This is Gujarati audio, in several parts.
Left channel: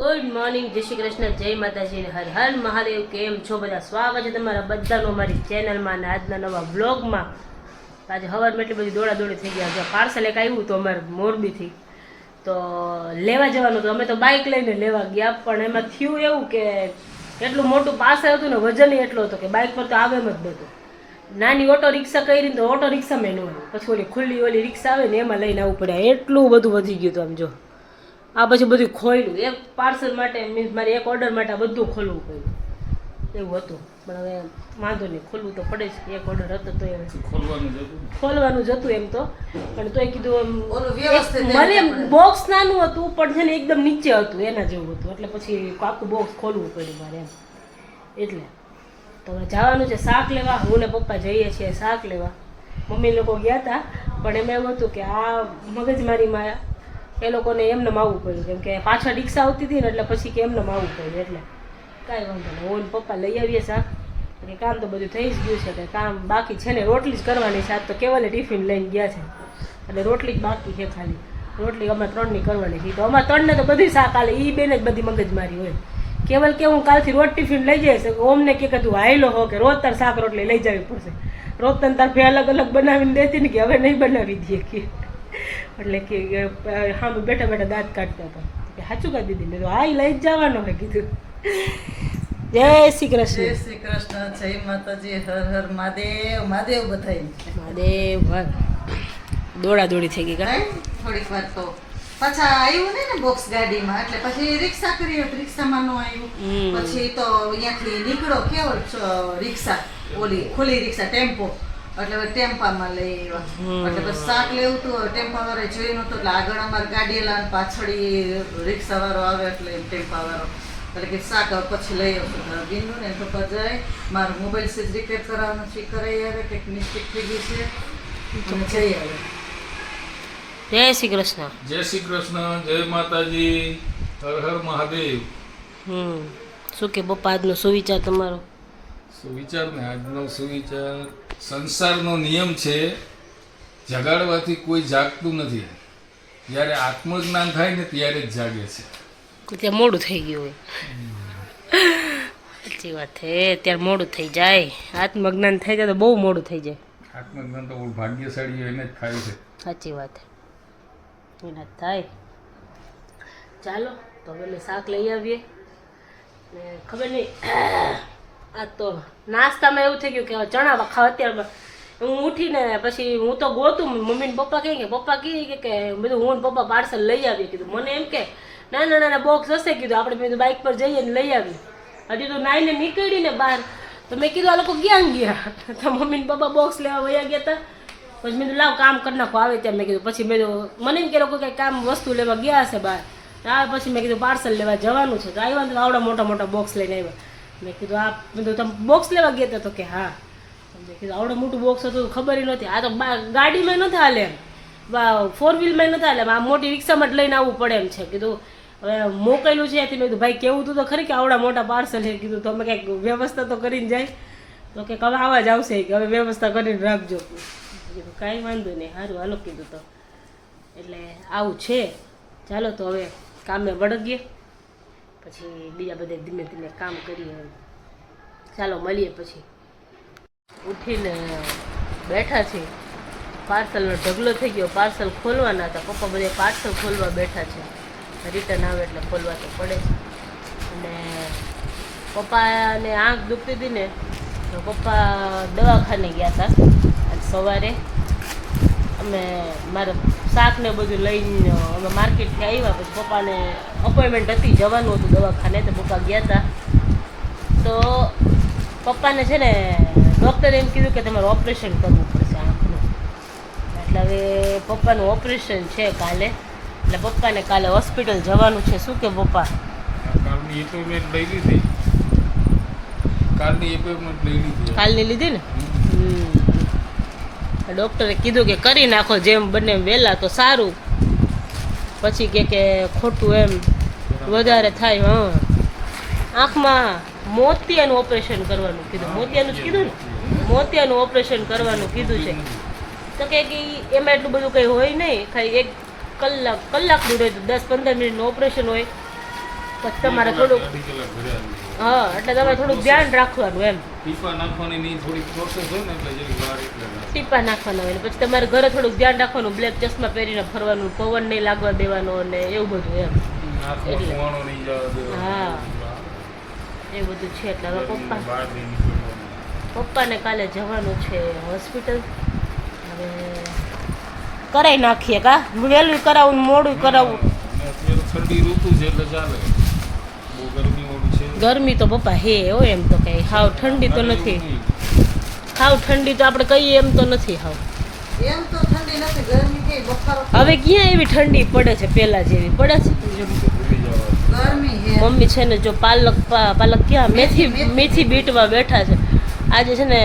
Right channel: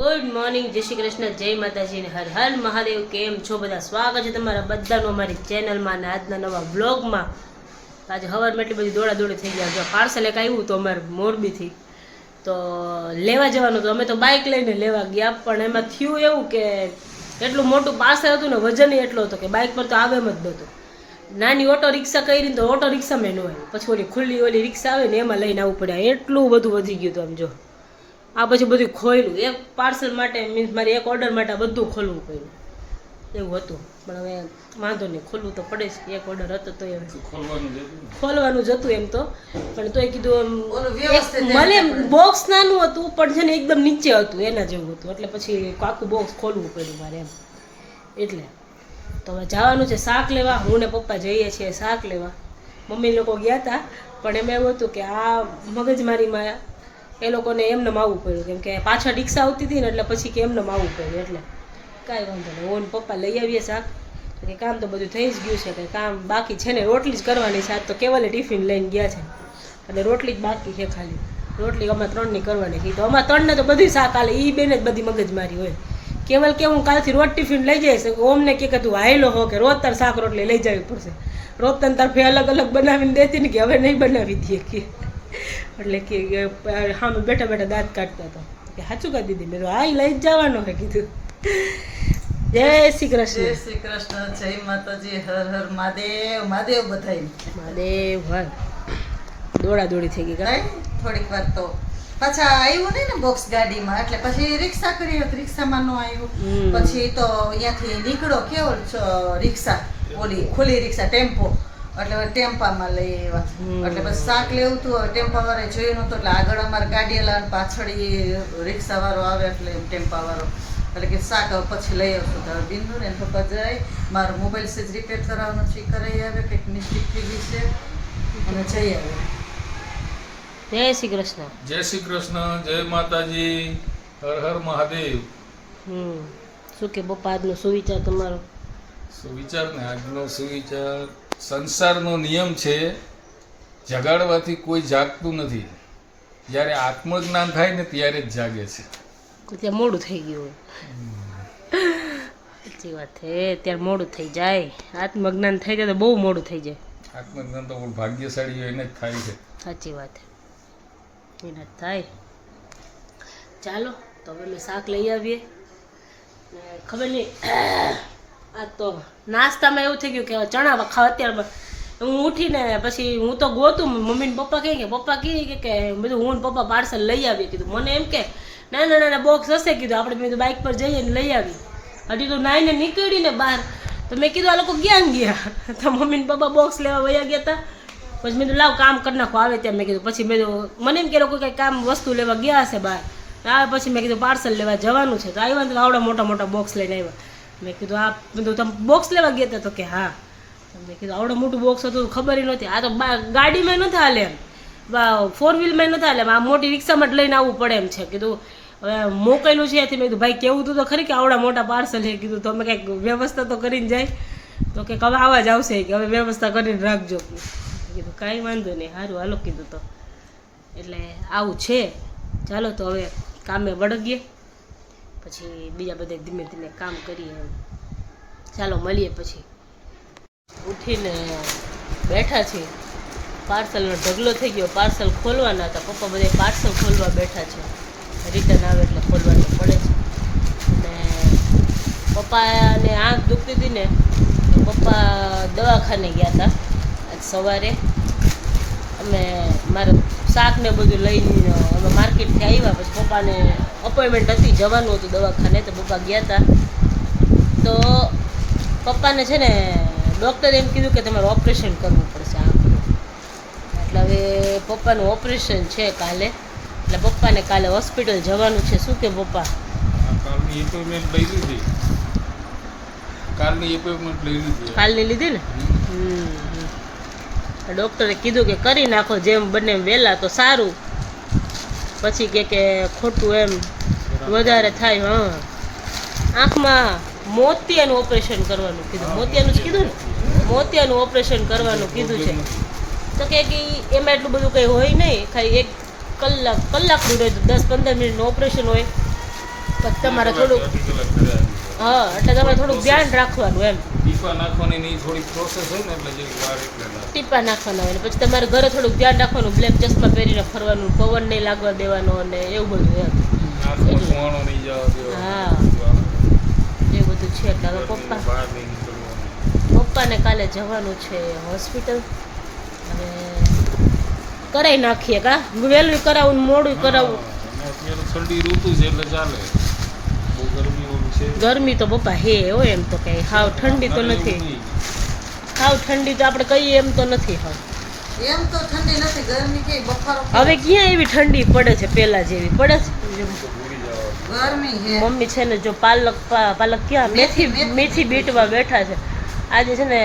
ગુડ મોર્નિંગ, જય શ્રી કૃષ્ણ, જય માતાજી ને હર હર મહાદેવ. કેમ છો બધા? સ્વાગત છે તમારા બધાનું અમારી ચેનલમાં અને આજના નવા બ્લોગમાં. આજે સવારમાં એટલી બધી દોડાદોડી થઈ ગયા. જો પાર્સલ એક આવ્યું તો અમારે મોરબીથી, તો લેવા જવાનું હતું. અમે તો બાઇક લઈને લેવા ગયા, પણ એમાં થયું એવું કે એટલું મોટું પાર્સલ હતું ને વજન એટલો હતો કે બાઇક પર તો આવે એમ જ નહોતું. નાની ઓટો રિક્ષા કરી તો ઓટો રિક્ષામાં ન આવ્યું, પછી ઓલી ખુલ્લી ઓલી રિક્ષા આવે ને એમાં લઈને આવવું પડે. એટલું બધું વધી ગયું હતું. આમ જો આ પછી બધું ખોલ્યું, એક પાર્સલ માટે મીન્સ મારે એક ઓર્ડર માટે બધું ખોલવું પડ્યું એવું હતું. પણ હવે વાંધો નહીં, ખોલવું તો પડે જ. એક ઓર્ડર હતો તો એમ ખોલવાનું જ હતું એમ તો, પણ તોય કીધું મને બોક્સ નાનું હતું પણ છે ને એકદમ નીચે હતું એના જેવું હતું, એટલે પછી આખું બોક્સ ખોલવું પડ્યું મારે એમ. એટલે તો હવે જવાનું છે શાક લેવા. હું ને પપ્પા જઈએ છીએ શાક લેવા. મમ્મી લોકો ગયા હતા, પણ એમ એવું હતું કે આ મગજમારીમાં એ લોકોને એમને આવવું પડ્યું, કેમ કે પાછળ રિક્ષા આવતી હતી ને એટલે પછી કે એમને આવવું પડ્યું. એટલે કાંઈ વાંધો નહીં, હું પપ્પા લઈ આવીએ શાક. એટલે કામ તો બધું થઈ જ ગયું છે, કે કામ બાકી છે ને રોટલી જ કરવાની છે. આજ તો કેવલે ટિફિન લઈને ગયા છે એટલે રોટલી જ બાકી છે ખાલી. રોટલી અમારે 3ની કરવાની છે, તો અમારે 3ને તો બધી શાક આલે, એ બેને જ બધી મગજમારી હોય. કેવલ કે હું કાલથી રોજ ટિફિન લઈ જઈશ, ઓમને કે તું હાયલો હો કે રોજ તાર શાક રોટલી લઈ જવી પડશે. રોજ તને તાર ફે અલગ અલગ બનાવીને દેતી ને કે હવે નહીં બનાવી દઈએ કે. એટલે કે હા બેઠા બેઠા દાંત કાઢતો હતો કે સાચું કહી દીધી. મેં તો હા લઈ જ જવાનો હોય કીધું. જય શ્રી કૃષ્ણ. જય શ્રી કૃષ્ણ, જય માતાજી, હર હર મહાદેવ. મહાદેવ બધાય મહાદેવ હર. દોડાદોડી થઈ ગઈ કા થોડીક વાર તો પાછા આવ્યું ને બોક્સ ગાડીમાં, એટલે પછી રિક્ષા કરી, રિક્ષામાં નો આવ્યું. પછી તો અહીંયાથી નીકળો કેવો રિક્ષા ઓલી ખુલ્લી રિક્ષા ટેમ્પો, એટલે ટેમ્પામાં લઈ આવ્યા. એટલે પછી શાક લેવું હતું, ટેમ્પા વાળા જોયું નતું, એટલે આગળ અમારે ગાડી લા પાછળ રિક્ષા વાળો આવે એટલે ટેમ્પા વાળો, એટલે કે શાક પછી લઈ આવશું. તારું બીનું ને પપ્પા જાય, મારો મોબાઈલ સીજ રિપેર કરાવવાનો છે, કરાવી આવે, કંઈક મિસ્ટેક થઈ ગઈ છે, અને જઈ આવે. જય શ્રી કૃષ્ણ. જય શ્રી કૃષ્ણ, જય માતાજી, હર હર મહાદેવ. શું કે પપ્પા આજનો સુવિચાર તમારો? સુવિચાર ને આજનો સુવિચાર, સંસારનો નિયમ છે જગાડવાથી કોઈ જાગતું નથી, જ્યારે આત્મજ્ઞાન થાય ને ત્યારે જ જાગે છે. ત્યાં મોડું થઈ ગયું હોય. સાચી વાત છે, ત્યારે મોડું થઈ જાય. આત્મજ્ઞાન થઈ જાય તો બહુ મોડું થઈ જાય. આત્મજ્ઞાન તો ભાગ્યશાળી એને જ થાય છે. સાચી વાત એના જ થાય. ચાલો તો હવે અમે શાક લઈ આવીએ. ને ખબર નહીં આ તો નાસ્તામાં એવું થઈ ગયું કે ચણા ખાવા. અત્યારે હું ઉઠીને પછી હું તો ગોતું, મમ્મી ને પપ્પા કહે કે પપ્પા કહે કે બધું હું ને પપ્પા પાર્સલ લઈ આવીએ. કીધું મને એમ કે ના ના ના બોક્સ હશે, કીધું આપણે મેં બાઇક પર જઈએ ને લઈ આવી. હજી તો નાઈને નીકળી ને બહાર, તો મેં કીધું આ લોકો ક્યાં ગયા? તો મમ્મી ને પપ્પા બોક્સ લેવા વયા ગયા હતા. પછી મેં લાવ કામ કરી નાખો આવે ત્યાં. મેં કીધું પછી મેં મને એમ કે લોકો કંઈ કામ વસ્તુ લેવા ગયા હશે બહાર. આવે પછી મેં કીધું પાર્સલ લેવા જવાનું છે, તો આવ્યા તો આવડા મોટા મોટા બોક્સ લઈને આવ્યા. મેં કીધું આ બધું તમે બોક્સ લેવા ગયા હતા? તો કે હા. મેં કીધું આવડું મોટું બોક્સ હતું ખબર નહોતી. આ તો ગાડીમાં નહોતા હાલે એમ, 4 વ્હીલમાં નહોતા હાલે, આ મોટી રિક્ષામાં જ લઈને આવવું પડે એમ છે. કીધું હવે મોકલેલું છે ત્યાંથી. મેં કીધું ભાઈ કેવું હતું તો ખરી કે આવડા મોટા પાર્સલ છે. કીધું તો અમે કંઈક વ્યવસ્થા તો કરીને જાય. તો કે હવે આવા જ આવશે કે હવે વ્યવસ્થા કરીને રાખજો. કીધું કાંઈ વાંધો નહીં, સારું હાલો કીધું. તો એટલે આવું છે. ચાલો તો હવે કામે વળગીએ, પછી બીજા બધા ધીમે ધીમે કામ કરીએ. ચાલો મળીએ પછી. ઉઠીને બેઠા છીએ, પાર્સલનો ઢગલો થઈ ગયો. પાર્સલ ખોલવાના હતા, પપ્પા બધા પાર્સલ ખોલવા બેઠા છે. રિટર્ન આવે એટલે ખોલવા તો પડે છે. અને પપ્પાને આંખ દુખતી હતી ને, તો પપ્પા દવાખાને ગયા હતા આજ સવારે. અમે મારું શાક ને બધું લઈને અમે માર્કેટથી આવ્યા. પછી પપ્પાને અપોઇન્ટમેન્ટ હતી, જવાનું હતું દવાખાને, તો પપ્પા ગયા હતા. તો પપ્પાને છે ને ડૉક્ટરે એમ કીધું કે તમારે ઓપરેશન કરવું પડશે આંખનું. એટલે હવે પપ્પાનું ઓપરેશન છે કાલે, એટલે પપ્પાને કાલે હોસ્પિટલ જવાનું છે. શું કે પપ્પા? કાલની એપોઇન્ટમેન્ટ લઈ લીધી. કાલની લીધી ને? ડૉક્ટરે કીધું કે કરી નાખો જેમ બને વહેલા તો સારું, પછી કે ખોટું એમ વધારે થાય. હા, આંખમાં મોતિયાનું ઓપરેશન કરવાનું કીધું. મોતિયાનું જ કીધું ને, મોતિયાનું ઓપરેશન કરવાનું કીધું છે. તો કે એમાં એટલું બધું કંઈ હોય નહીં, ખાલી 1 કલાકનું રહે, 10-15 મિનિટનું ઓપરેશન હોય. પછી તમારે થોડુંક હા એટલે તમારે થોડુંક ધ્યાન રાખવાનું એમ ટીપા નાખવાની ની થોડી પ્રોસેસ છે ને એટલે જરી વાર એટલે ટીપા નાખવાના હોય ને પછી તમારે ઘરે થોડુંક ધ્યાન રાખવાનું બ્લેક ચશ્મા પહેરીને ફરવાનું પવન નહીં લાગવા દેવાનો અને એવું બધું એમ આંખમાં સુવાણો નહીં જવા હા એ બધું છે એટલે હવે બહાર નહીં નીકળવાનું. પપ્પાને કાલે જવાનું છે હોસ્પિટલ હવે કરાવી નાખીએ કા વહેલું કરાવું ને મોડું કરાવવું અને અત્યારે ઠંડી ઋતુ છે એટલે ચાલે બહુ ગરમી વાળું છે ગરમી તો પપ્પા હે હોય એમ તો કઈ હાવ ઠંડી તો નથી હાવ ઠંડી તો આપણે કહીએ એમ તો નથી હાવ એમ તો ઠંડી નથી ગરમી કે બફારો હવે ક્યાં એવી ઠંડી પડે છે પહેલા જેવી પડે છે ગરમી હે મમ્મી છે ને જો પાલક ક્યાં મેથી બીટવા બેઠા છે આજે છે ને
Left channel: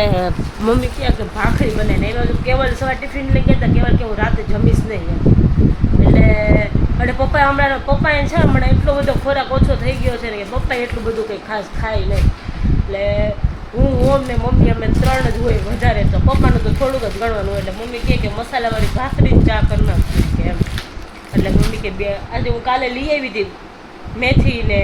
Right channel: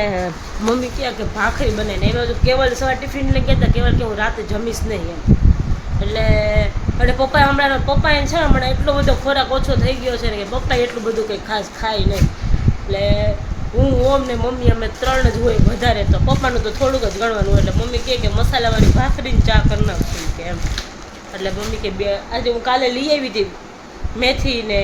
મમ્મી ક્યાં કે ભાખરી બને ને એમાં કેવલ સવાર ટિફિન લઈ ગયા કેવલ કે હું રાતે જમીશ નહીં એમ એટલે અને પપ્પાએ હમણાં પપ્પાએ છે ને હમણાં એટલો બધો ખોરાક ઓછો થઈ ગયો છે ને કે પપ્પાએ એટલું બધું કંઈ ખાસ ખાય નહીં એટલે હું ઓમ ને મમ્મી અમે 3 જ હોય વધારે તો પપ્પાનું તો થોડુંક જ ગણવાનું હોય એટલે મમ્મી કહે કે મસાલાવાળી ભાખરીને ચા કરી નાખશું કે એમ એટલે મમ્મી કે આજે હું કાલે લઈ આવી હતી મેથી ને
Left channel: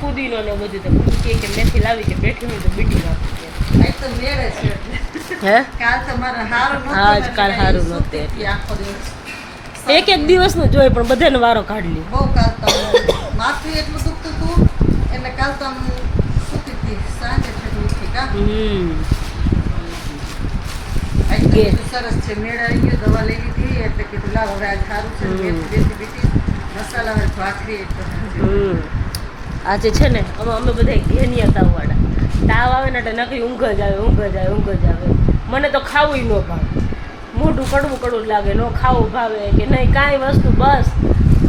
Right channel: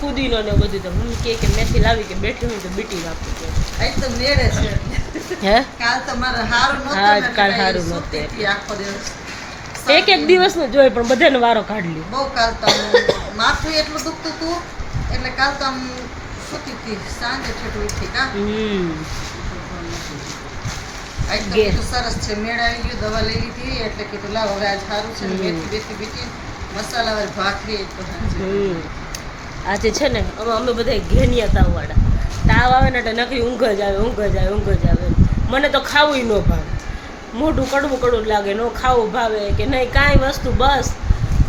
ફુદીનો ને બધું તો મમ્મી કહે કે મેથી લાવી કે બેઠી હોય તો બીટી નાખું કે આજ તો મેળે છે હે કાલ તો મારે હારું નહોતું હા, ને કાલ એટલે હારું સૂતી નહોતું. હતી આખો દિવસ એક દિવસનું જોઈ પણ બધાને વારો કાઢી લ્યો બહુ કાલ તો માથું એટલું દુખતું હતું એટલે કાલ તો આમ સૂતી હતી સાંજે ઠેઠ ઉઠી કા આજ તો બધું સરસ છે મેળ આવી ગયો દવા લઈ લીધી એટલે કીધું લાવ હવે આજ સારું છે ને મેથી બેથી બીટી મસાલાવાળી ભાખરી એક તો સાંજે. આજે છે ને અમે બધા ઘેનિયા તાવવાળા તાવ આવે ને એટલે નકરી ઊંઘ જ આવે મને તો ખાવું ન ભાવે મોઢું કડવું કડવું લાગે ન ખાવું ભાવે કે નહીં કાંઈ વસ્તુ બસ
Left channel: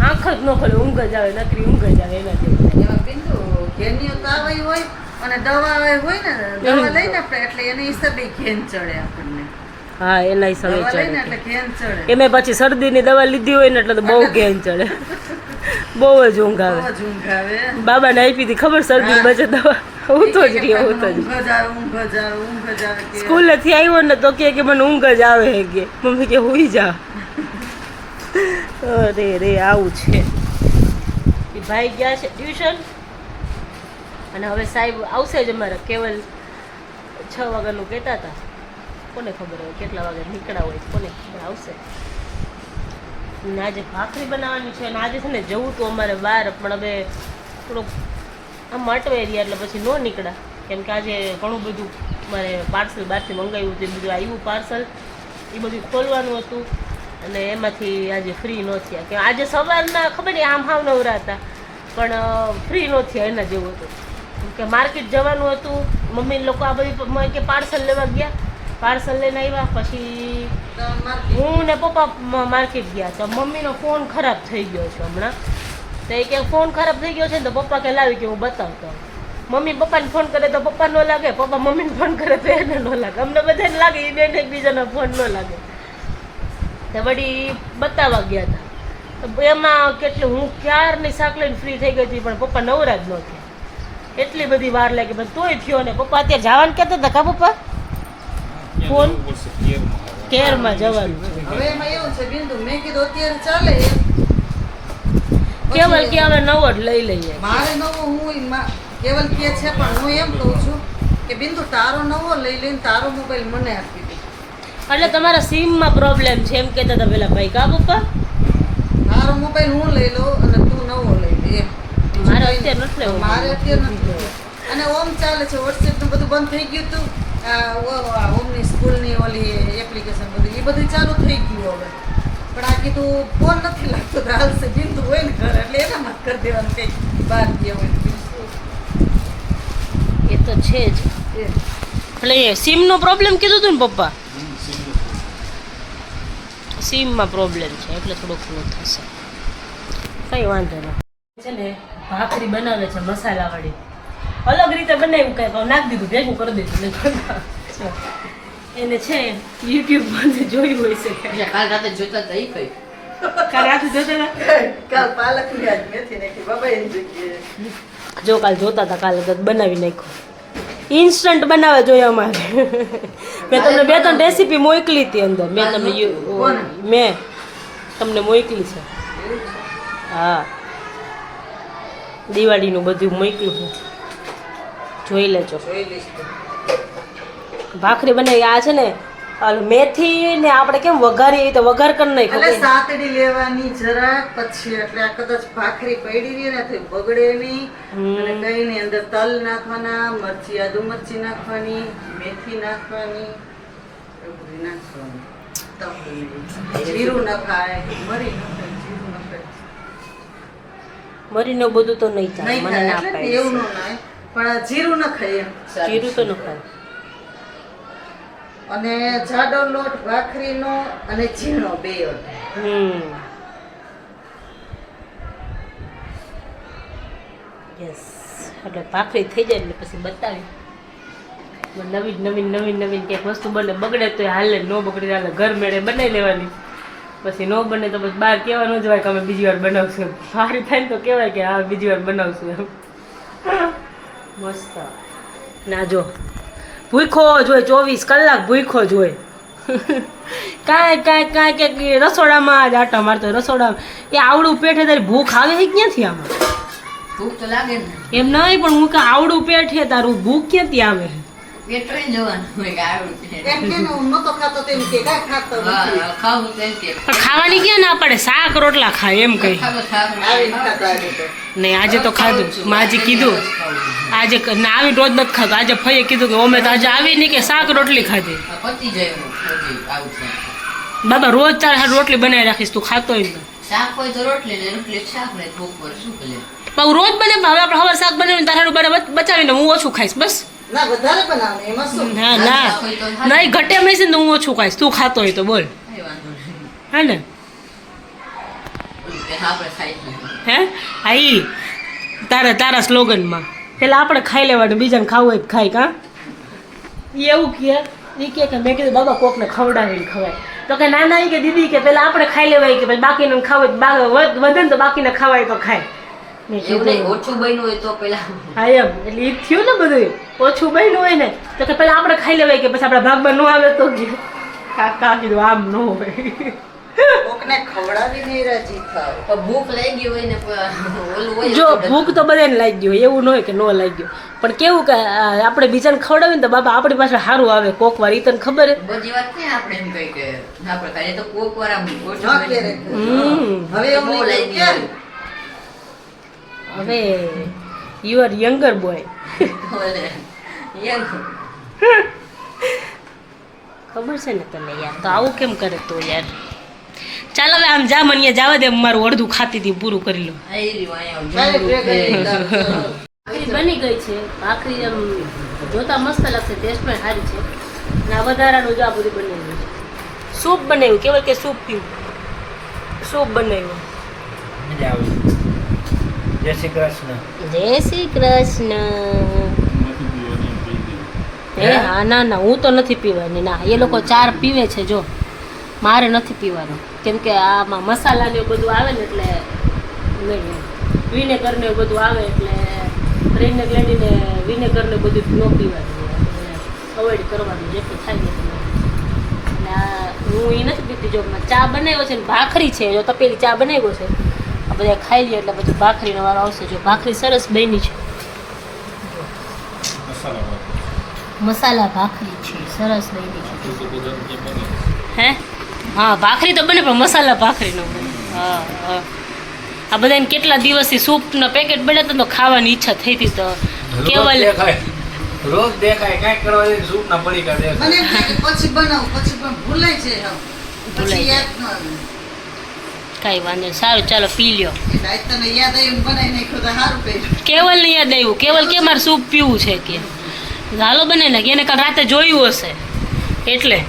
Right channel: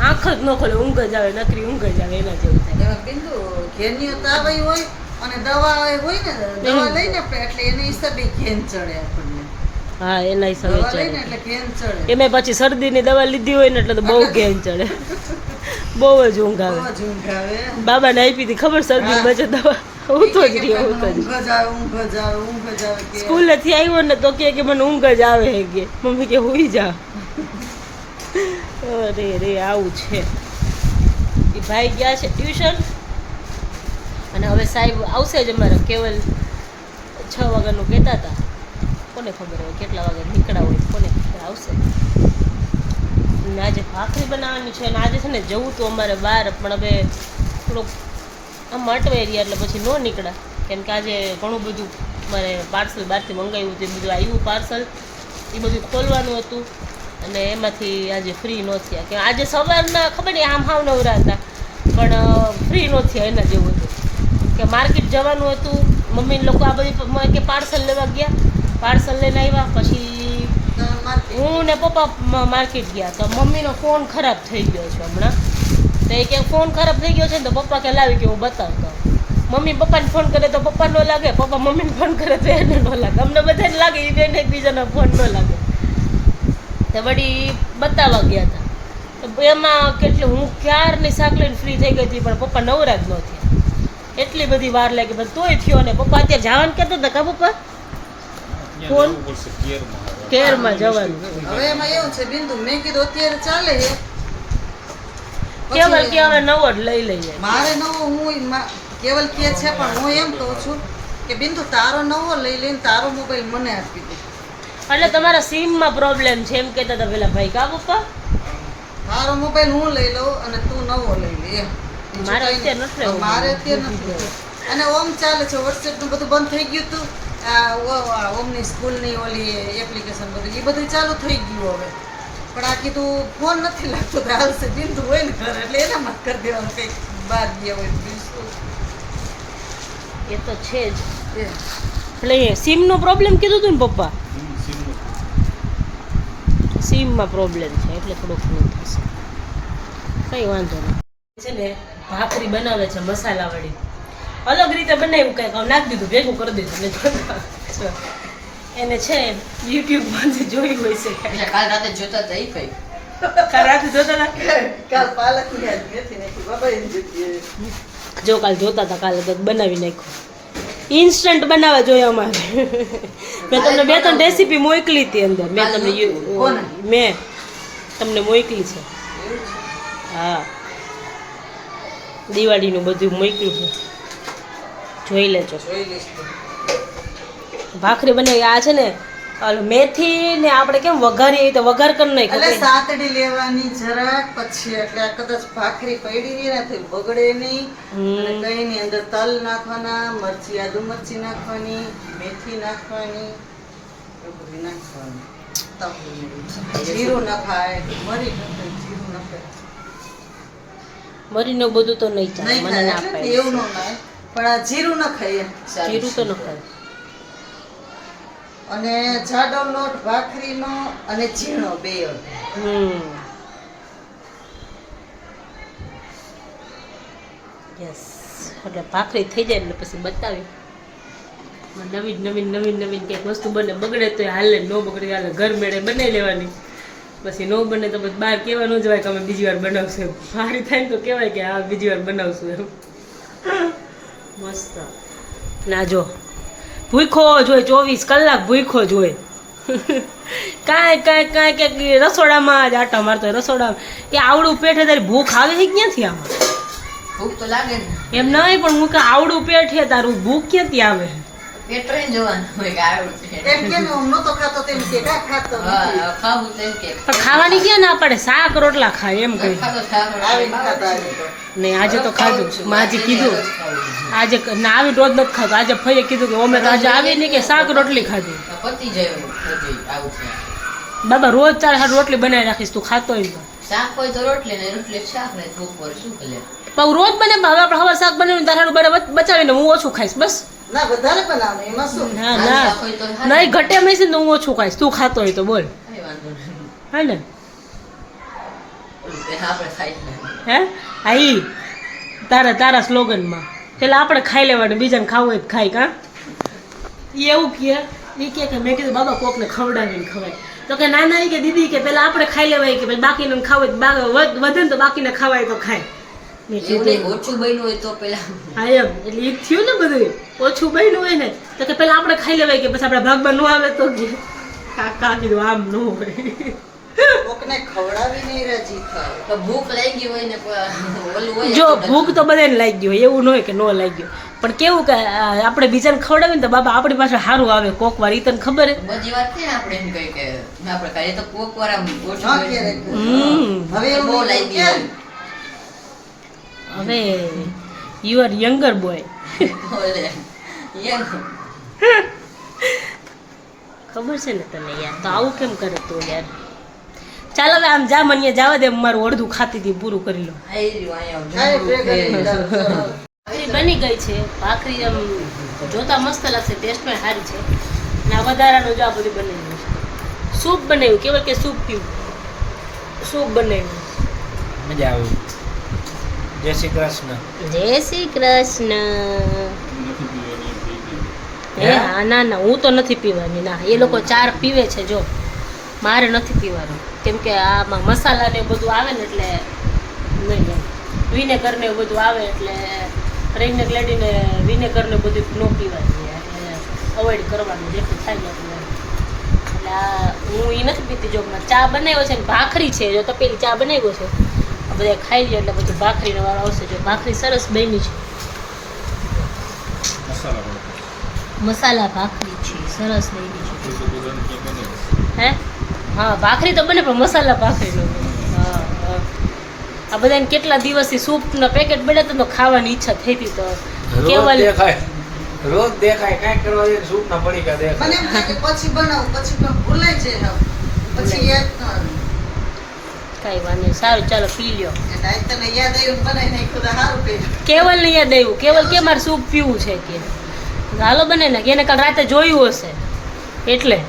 આંખ જ ન ખોલે ઊંઘ જ આવે નકરી ઊંઘ જ આવે એના જેવું થાય. એમાં બિંદુ ઘેનિયો તાવ હોય અને દવા હોય ને દવા લઈને આપણે એટલે એની હિસાબે ઘેન ચડે આપણને હા એના હિસાબે દવા લઈને ચડે એટલે ઘેન ચડે એમાં પછી શરદીની દવા લીધી હોય ને એટલે તો બહુ ઘેન ચડે બહુ જ ઊંઘ આવે બહુ જ ઊંઘ આવે બાબાને આપી હતી ખબર શરદી બચે દવા હું તો જ રહ્યો હું તો જ ઊંઘ જ આવે કે સ્કૂલેથી આવ્યો ને તો કે મને ઊંઘ જ આવે હે કે મમ્મી કે હુઈ જા અરે રે આવું છે એ ભાઈ ગયા છે ટ્યુશન અને હવે સાહેબ આવશે જ અમારા કેવલ 6 વાગ્યાનું કહેતા હતા કોને ખબર હોય કેટલા વાગે નીકળ્યા હોય કોને ખબર આવશે અને આજે ભાખરી બનાવવાની છે અને આજે છે ને જવું તો અમારે બહાર પણ હવે થોડુંક આમ અટવાઈ રહ્યા એટલે પછી ન નીકળ્યા કેમ કે આજે ઘણું બધું મારે પાર્સલ બહારથી મંગાવ્યું હતું બધું આવ્યું પાર્સલ એ બધું ખોલવાનું હતું અને એમાંથી આજે ફ્રી ન થયા કે આજે સવારના ખબર નહીં આમ હાવ નવરા હતા પણ ફ્રી ન થયા એના જેવું હતું કે માર્કેટ જવાનું હતું મમ્મી લોકો આ બધી કે પાર્સલ લેવા ગયા પાર્સલ લઈને આવ્યા પછી હું ને પપ્પા માર્કેટ ગયા તો મમ્મીનો ફોન ખરાબ થઈ ગયો છે હમણાં તો એ કે ફોન ખરાબ થઈ ગયો છે ને તો પપ્પા કે લાવી કે હું બતાવતો મમ્મી પપ્પાને ફોન કરે તો પપ્પા ન લાગે પપ્પા મમ્મીને ફોન કરે તો એને ન લાગે અમને બધાને લાગે એ બેન એકબીજાનો ફોન ન લાગે તો વળી બતાવવા ગયા હતા તો એમાં કેટલું હું ક્યારની શાક લઈને ફ્રી થઈ ગઈ હતી પણ પપ્પા નવરા જ ન થયા એટલી બધી વાર લાગી પણ તોય થયો ને પપ્પા અત્યારે જવાનું કહેતા હતા કા પપ્પા ફોન કેરમાં જવાનું હવે એમાં એવું છે બિંદુ મેં કીધું અત્યારે ચાલે કેવલ કે હવે નવો જ લઈ લઈએ મારે નવો હું કેવલ કે છે પણ હું એમ કહું છું કે બિંદુ તારો નવો લઈ લઈને તારો મોબાઈલ મને આપી દે એટલે તમારા સિમમાં પ્રોબ્લેમ છે એમ કહેતા હતા પેલા ભાઈ કા પપ્પા તારો મોબાઈલ હું લઈ લઉં અને તું નવો લઈ લે એમ મારે અત્યારે નથી લેવો. મારે અત્યારે નથી લેવો. અને ઓમ ચાલે છે વોટ્સએપ નું બધું બંધ થઈ ગયું હતું ઓમની સ્કૂલની ઓલી એપ્લિકેશન બધું એ બધું ચાલુ થઈ ગયું હવે પણ આ કીધું ફોન નથી લાગતો તો હાલશે બિંદુ હોય ને ઘરે એટલે એનામાં જ કરી દેવાનું કંઈક બહાર ગયા હોય તો બીજું શું. એ તો છે જ એટલે સિમનો પ્રોબ્લેમ કીધું હતું ને પપ્પા સિમમાં પ્રોબ્લેમ છે એટલે થોડુંક ઘણું થશે કંઈ વાંધો નહીં છે ને ભાખરી બનાવે છે મસાલાવાળી અલગ રીતે બનાવ્યું કંઈક નાખી દીધું ભેગું કરી દીધું ને એને છે યુટ્યુબમાંથી જોયું હોય છે કાલ રાતે જોતા હતા એ કઈ કાલ રાતે જોતા હતા કાલ પાલક યાદ નથી નાખી બાબા એમ જગ્યાએ જો કાલ જોતા હતા કાલે તો બનાવી નાખ્યું ઇન્સ્ટન્ટ બનાવવા જોઈએ અમારે મેં તમને 2-3 રેસીપી મોકલી હતી અંદર મેં તમને મોકલી છે હા દિવાળીનું બધું મોકલું છે, જોઈ લેજો. જોઈ લઈશ તો. ભાખરી બનાવી. આ છે ને મેથી ને આપણે કેમ વઘારીએ તો વઘાર કરી એટલે નાખો. સાતડી લેવાની જરા, પછી એટલે આ કદાચ ભાખરી પડી રહી ને તો બગડે નહીં. અને કઈ ની અંદર તલ નાખવાના, મરચી આદુ મરચી નાખવાની, મેથી નાખવાની, એવું બધું નાખવાનું. જીરું નખાય, મરી નખાય, જીરું નખાય. મરીને બધું તો નહીં ચાલે, નહીં મને ખાય ના એટલે પાડે. એવું ન નાય, પણ આ જીરું નખાય એમ. જીરું તો ન ખાય. અને જાડો લોટ ભાખરીનો અને ઝીણો બે યસ. એટલે ભાખરી થઈ જાય એટલે પછી બતાવી નવીન નવીન નવીન નવીન ક્યાંક વસ્તુ બને. બગડે તો હાલે, ન બગડે હાલે, ઘર મેળે બનાવી લેવાની. પછી ન બને તો પછી બહાર કહેવા ન જવાય કે અમે બીજી વાર બનાવશું. સારી થાય ને તો કહેવાય કે હા બીજી વાર બનાવશું એમ. મસ્ત. ના જો ભૂખો જ હોય, 24 કલાક ભૂખો જ હોય. કાંઈ કે રસોડામાં જ આટા મારતો રસોડામાં. એ આવડું પેટ તારી ભૂખ આવે છે ક્યાંથી? આમાં ભૂખ તો લાગે ને. એમ નહીં, પણ હું કે આવડું પેટ છે તારું, ભૂખ ક્યાંથી આવે? પેટ રહી જવાનું હોય કે આવડું છે. એમ કે હું નહોતો ખાતો તેમ કે કાંઈ ખાતો નથી. હા, ખાવું તો એમ કે. પણ ખાવાની ક્યાં ના પડે, શાક રોટલા ખાય એમ કઈ. આવીને ખાતો આજે તો. નહીં આજે તો ખાધું. માજી કીધું આજે ના આવી રોજ નથી ખાધું. આજે ફઈએ કીધું કે અમે તો આજે આવી નહીં કે શાક રોટલી ખાધી. પતી જાય એવું બધી આવું છે. બાબા રોજ તારે હાથ રોટલી બનાવી રાખીશ, તું ખાતો હોય તો. શાક હોય તો રોટલી ને રોટલી શાક ને ભૂખ પર શું કરે. પણ રોજ બને, હવે આપણે હવાર શાક બનાવીને તારું બચાવીને હું ઓછું ખાઈશ બસ. ના વધારે બનાવે એમાં શું? ના ના નહીં ઘટે એમ નહીં ને હું ઓછું ખાઈશ, તું ખાતો હોય તો બોલ. કઈ વાંધો નહીં. હે ને? ઓલું કે આપણે ખાઈ લઈએ. હે હા ઈ તારા સ્લોગનમાં પેલા આપણે ખાઈ લેવાનું, બીજાને ખાવું હોય તો ખાય. કાં ઈ એવું કહે, એ કે મેં કીધું બાબા કોકને ખવડાવીને ખવાય. તો કે ના ના, ઈ કે દીદી કે પેલા આપણે ખાઈ લેવાય, કે પછી બાકીનું ખાવું વધે ને તો બાકીને ખવાય તો ખાય. મેં એવું નહીં, કીધું ઓછું બન્યું હોય તો પેલા હા એમ. એટલે ઈ થયું ને બધું ઓછું બન્યું હોય ને તો કે પેલા આપણે ખાઈ લેવાય, કે પછી આપણા ભાગમાં ન આવે તો કે કાકા કીધું આમ ન હોય. કોકને ખવડાવીને રાજી થાવ. તો ભૂખ લાગી હોય ને ઓલું હોય જો ભૂખ તો બધાને લાગી હોય, એવું ન હોય કે ન લાગ્યું. પણ કેવું કે આપણે બીજાને ખવડાવીએ ને તો બાબા આપણી પાસે સારું આવે કોક વાર. ઈ તને ખબર હે? બધી વાત ક્યાં આપણે એમ કહી કે આપણે ખાલી તો કોક વાર આમ ઓછું ન બન્યું. ક્યારેક. હવે એવું બહુ નહીં લાગી કેમ? હવે યુ આર યંગર બોય. ઓલે યંગ. ખબર છે ને તને યાર, તો આવું કેમ કરે તું યાર? ચાલ હવે આમ જા, મને જવા દે, મારું અડધું ખાતી હતી પૂરું કરી લો. આઈ રહ્યું અહીંયા કાંઈ ભેગું નહીં ચાલો. ભાખરી બની ગઈ છે. ભાખરી આમ જોતા મસ્ત લાગશે, ટેસ્ટ પણ સારી છે. અને આ વધારાનું જો આ બધું બનાવ્યું છે. સૂપ બનાવ્યું, કેવલ કે સૂપ પીવું. સૂપ બનાવ્યું. મજા આવી. જય શ્રી કૃષ્ણ. જય શ્રી કૃષ્ણ. એ હા ના ના, હું તો નથી પીવાની. ના, એ લોકો ચાર પીવે છે, જો મારે નથી પીવાનો. કેમ કે આમાં મસાલા ને બધું આવે ને એટલે નહીં. વિનેગર ને બધું આવે એટલે પ્રેગ્નેન્ટ લેડીને વિનેગર ને બધું ન પીવાનું, અવોઇડ કરવાનું જેટલું થાય ને એટલું. એટલે આ હું એ નથી પીતી. જો ચા બનાવ્યો છે ને ભાખરી છે, જો તપેલી ચા બનાવ્યો છે, આ બધા ખાઈ લે એટલે બધું ભાખરીનો વારો આવશે. જો ભાખરી સરસ બની છે, મસાલા ભાખરી છે, સરસ બની છે. હે હા, ભાખરી તો બને પણ મસાલા ભાખરી નો બને. હા હા. આ બધાને કેટલા દિવસથી સૂપના પેકેટ બન્યા તો ખાવાની ઈચ્છા થઈ હતી. તો કેવલ રોજ દેખાય કાંઈ કરવા દે, સૂપ ના પડીકા દેખાય. મને એમ થાય કે પછી બનાવું, પછી પણ ભૂલાઈ જાય હવે. પછી યાદ ન આવે. કાંઈ વાંધો નહીં. સારું ચાલો પી લ્યો. એટલે આજ તને યાદ આવ્યું બનાવી નાખ્યું તો સારું કર્યું. કેવલને યાદ આવ્યું. કેવલ કે મારે સૂપ પીવું છે કે હાલો બને નાખ. એને કાલ રાતે જોયું હશે એટલે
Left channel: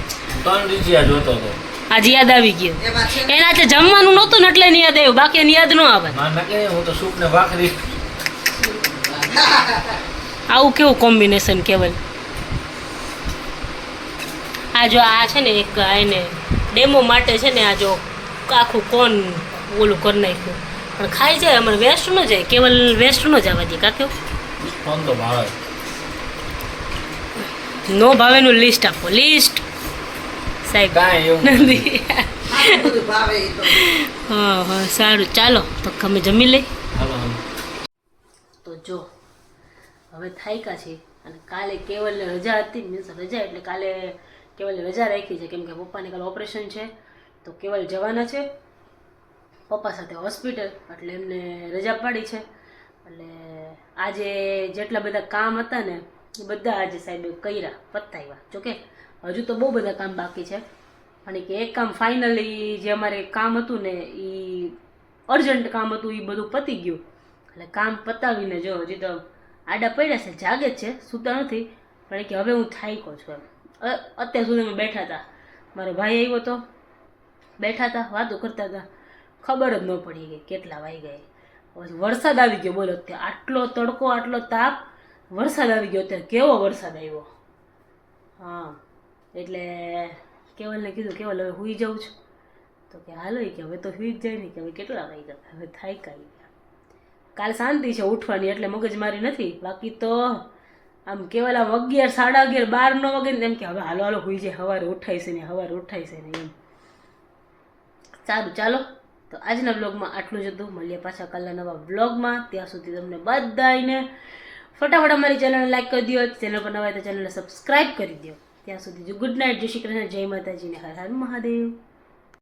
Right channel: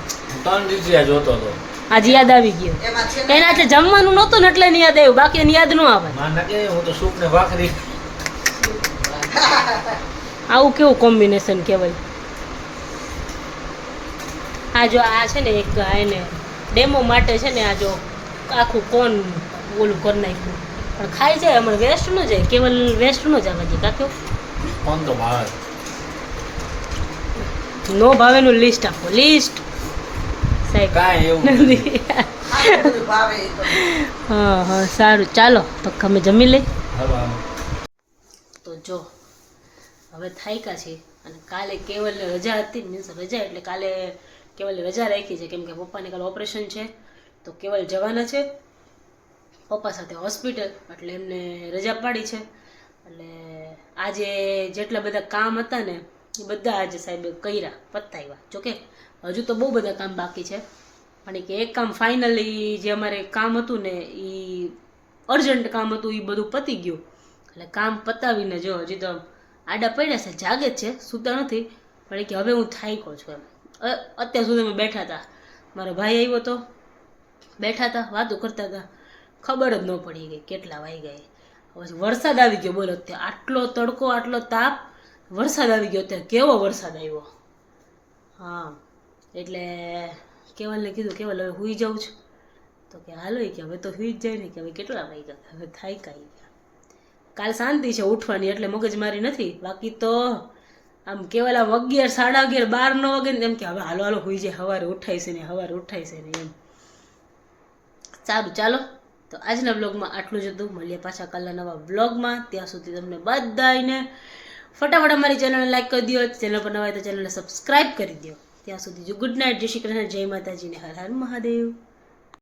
3 દિવસે જોતો હતો. આજે યાદ આવી ગયું. એમાં છે એને આજે જમવાનું નહોતું ને એટલે એને યાદ આવ્યું, બાકી એને યાદ ન આવે. માં નકે હું તો સૂપ ને ભાખરી. આવું કેવું કોમ્બિનેશન કેવલ. આ જો આ છે ને એક એને ડેમો માટે છે ને આ જો આખું કોન ઓલું કરી નાખ્યું, પણ ખાઈ જાય અમારે વેસ્ટ ન જાય. કેવલ વેસ્ટ ન જવા દે કાક્યો. કોણ તો ભાવે. નો ભાવેનું લિસ્ટ આપો, લિસ્ટ સાહેબ. કાંઈ એવું નથી. સારું બધું ભાવે એ તો. હા હા સારું ચાલો તો અમે જમી લઈ. હાલો હાલો. જો હવે થાયકા છે અને કાલે કેવલને રજા હતી, મીન્સ રજા એટલે કાલે કેવલે રજા રાખી છે કેમ કે પપ્પાને કાલે ઓપરેશન છે, તો કેવલ જવાના છે પપ્પા સાથે હોસ્પિટલ, એટલે એમને રજા પાડી છે. એટલે આજે જેટલા બધા કામ હતા ને એ બધા આજે સાહેબે કર્યા, પતાવ્યા. જોકે હજુ તો બહુ બધા કામ બાકી છે, અને કે એક કામ ફાઇનલી જે અમારે કામ હતું ને એ અર્જન્ટ કામ હતું એ બધું પતી ગયું. એટલે કામ પતાવીને જો હજી તો આડા પડ્યા છે, જાગે જ છે, સૂતા નથી, પણ કે હવે હું થાક્યો છું એમ. અત્યાર સુધી અમે બેઠા હતા, મારો ભાઈ આવ્યો હતો, બેઠા હતા, વાતો કરતા હતા, ખબર જ ન પડી ગઈ કેટલા વાઈ ગયા. પછી વરસાદ આવી ગયો, બોલો અત્યારે આટલો તડકો, આટલો તાપ, વરસાદ આવી ગયો. અત્યારે કેવો વરસાદ આવ્યો. હા, એટલે કેવલને કીધું કેવલ હવે સૂઈ જાઉં છું, તો કે હાલો કે હવે તો સૂઈ જ જાય ને, કે હવે કેટલા વાઈ ગયા, હવે થાય કાંઈ ગયા. કાલ શાંતિ છે ઉઠવાની, એટલે મગજમારી નથી. બાકી તો આમ કેવલ આમ 11, 11:30, 12 ન વાગે ને એમ કે હવે હાલો હાલો સૂઈ જાય, સવારે ઉઠાય છે ને, સવારે ઉઠાય છે ને એમ. સારું, ચાલો તો આજના બ્લોગમાં આટલું જ હતું. મળીએ પાછા કાલના નવા બ્લોગમાં. ત્યાં સુધી તમને બધાને ફટાફટ અમારી ચેનલને લાઈક કરી દો, ચેનલ પર નવા હોય તો ચેનલને સબસ્ક્રાઈબ કરી દો. ત્યાં સુધી જો ગુડ નાઇટ, જય શ્રી કૃષ્ણ, જય માતાજી ને હર હર મહાદેવ.